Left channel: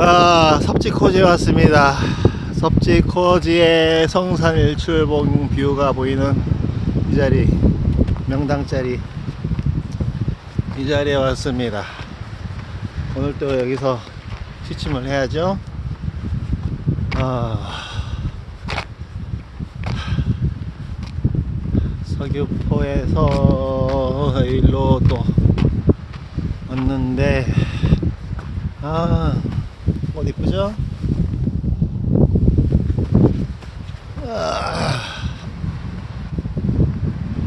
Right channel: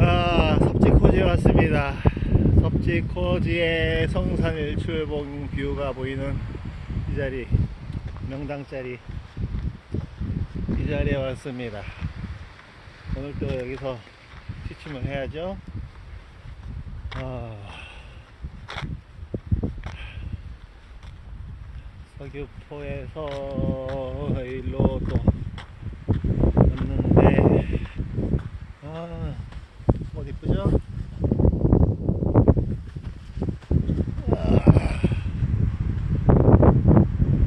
아, 섭지코지에 왔습니다. 섭지코지의 성산 일 출봉 뷰가 보이는 이 자리, 명당 자리, 이 자리에 왔습니다. 오늘 또 여기서 취침을 해야죠. 아, 서귀포에서 일로 또 왔는데, 아, 옷 이쁘죠? 아,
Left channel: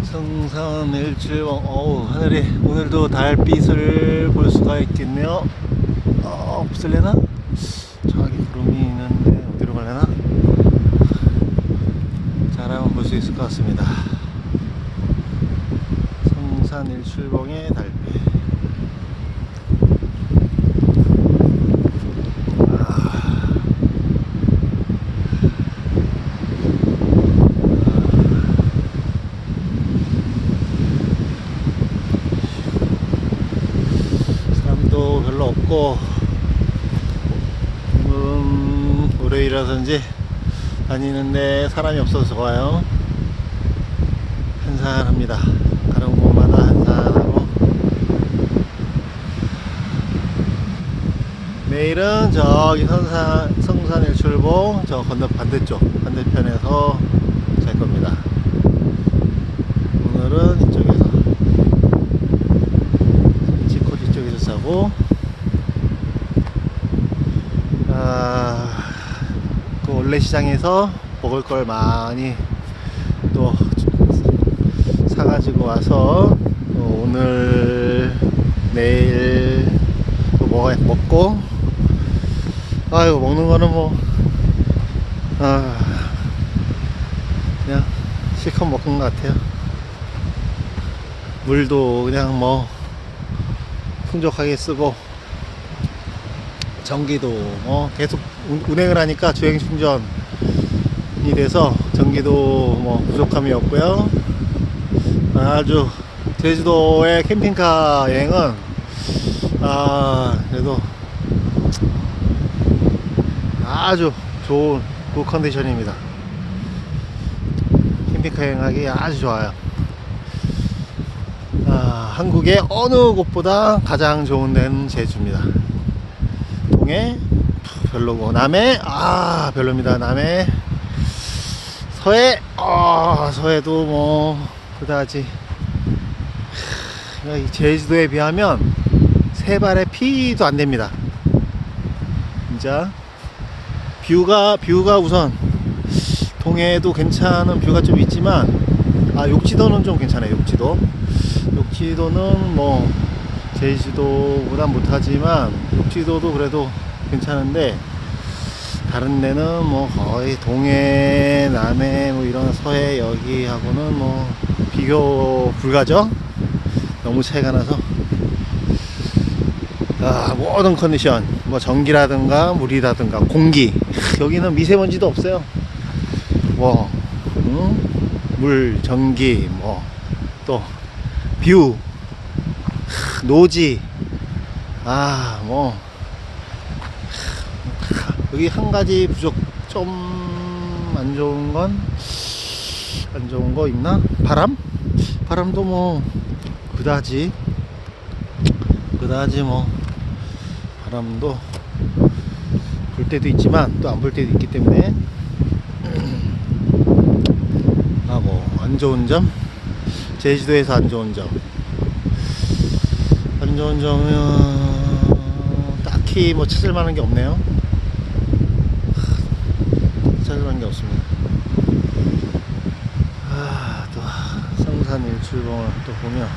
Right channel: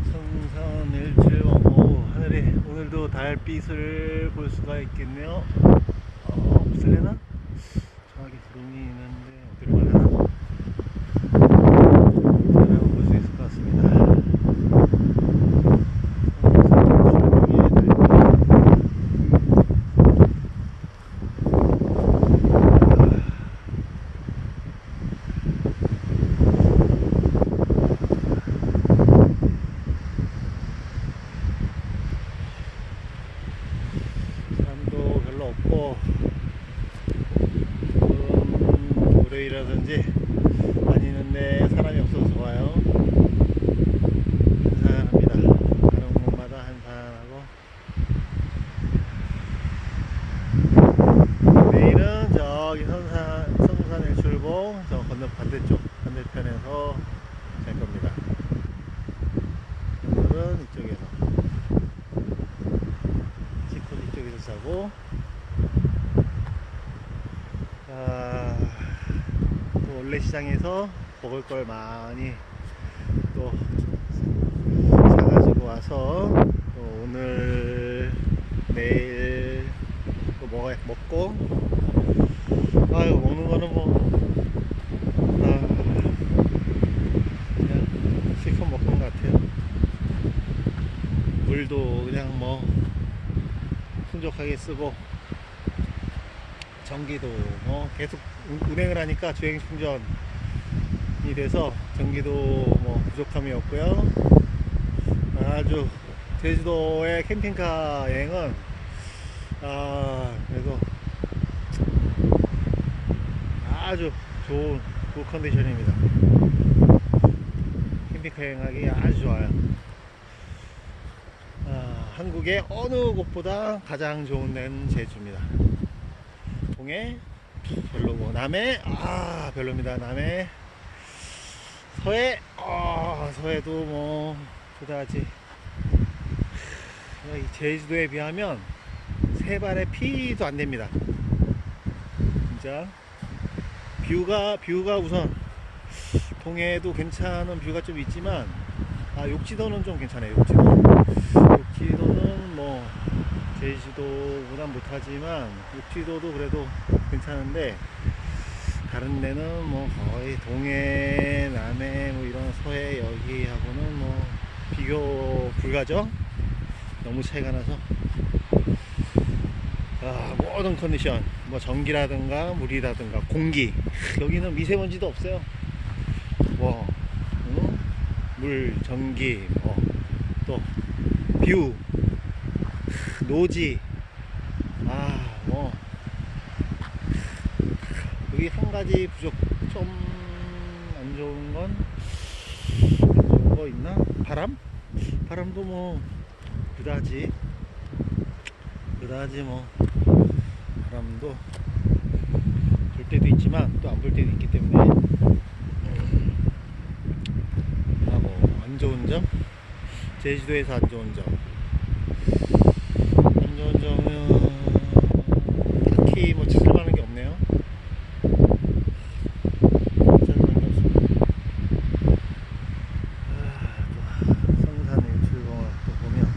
성산 일출봉, 어우, 하늘이 오늘도 달빛을 볼 수가 있겠네요. 어, 없을래나? 저기 구름이 있는데 어디로 갈래나? 잘 한번 볼 수 있을 것 같습니다. 성산 일출봉의 달빛. 없고 음, 월요일이라든지 다니는데 사람이 없어서 좋아요. 한산합니다. 가는 곳마다 한산하고. 내일은 저기 성산, 성산 일출봉 저 건너 반대쪽 반대편에서 잘 겁니다. 오늘은 이쪽에서. 지코지 쪽에서 자고 아, 그 원래 시장에서 먹을 걸 많이 또 사가지고 와서 또 오늘 내일 또 먹어 먹고 아이고 먹는 거는 뭐 아, 그냥 실컷 먹은 것 같아요. 물도 그냥 뭐 풍족하게 쓰고 전기도 뭐 계속 운- 운행을 하니까 주행 충전이 돼서 전기도 뭐 부족함이 없고요. 아주 제주도의 캠핑카 여행은 아 그래도 아주 좋은 굿 컨디션입니다. 캠핑카 여행하기 아주 좋아요. 아, 한국의 어느 곳보다 가장 좋은 데는 제주입니다. 동해 별로고 남해 아 별로입니다. 남해 서해 아 서해도 뭐 그다지 제주도에 비하면 세 발의 피도 안 됩니다. 진짜 뷰가 뷰가 우선 동해도 괜찮은 뷰가 좀 있지만 아 욕지도는 좀 괜찮아요. 욕지도 욕지도는 뭐 제주도보다 못하지만 욕지도도 그래도 괜찮은데 다른 데는 뭐 거의 동해, 남해 뭐 이런 서해 여기하고는 뭐 비교 불가죠. 너무 차이가 나서 아, 모든 컨디션 뭐 전기라든가 물이라든가 공기 여기는 미세먼지도 없어요. 뭐 응? 물, 전기 뭐 또 뷰 노지. 아 뭐. 여기 한 가지 부족 좀 안 좋은 건 안 좋은 거 있나? 바람? 바람도 뭐 그다지. 그다지 뭐. 바람도 불 때도 있지만 또 안 불 때도 있기 때문에. 하고 안 좋은 점? 제주도에서 안 좋은 점. 안 좋은 점은 딱히 뭐 찾을 만한 게 없네요. 찾을 만한 게 없습니다. 아, 또 성산 일출봉을 또 보면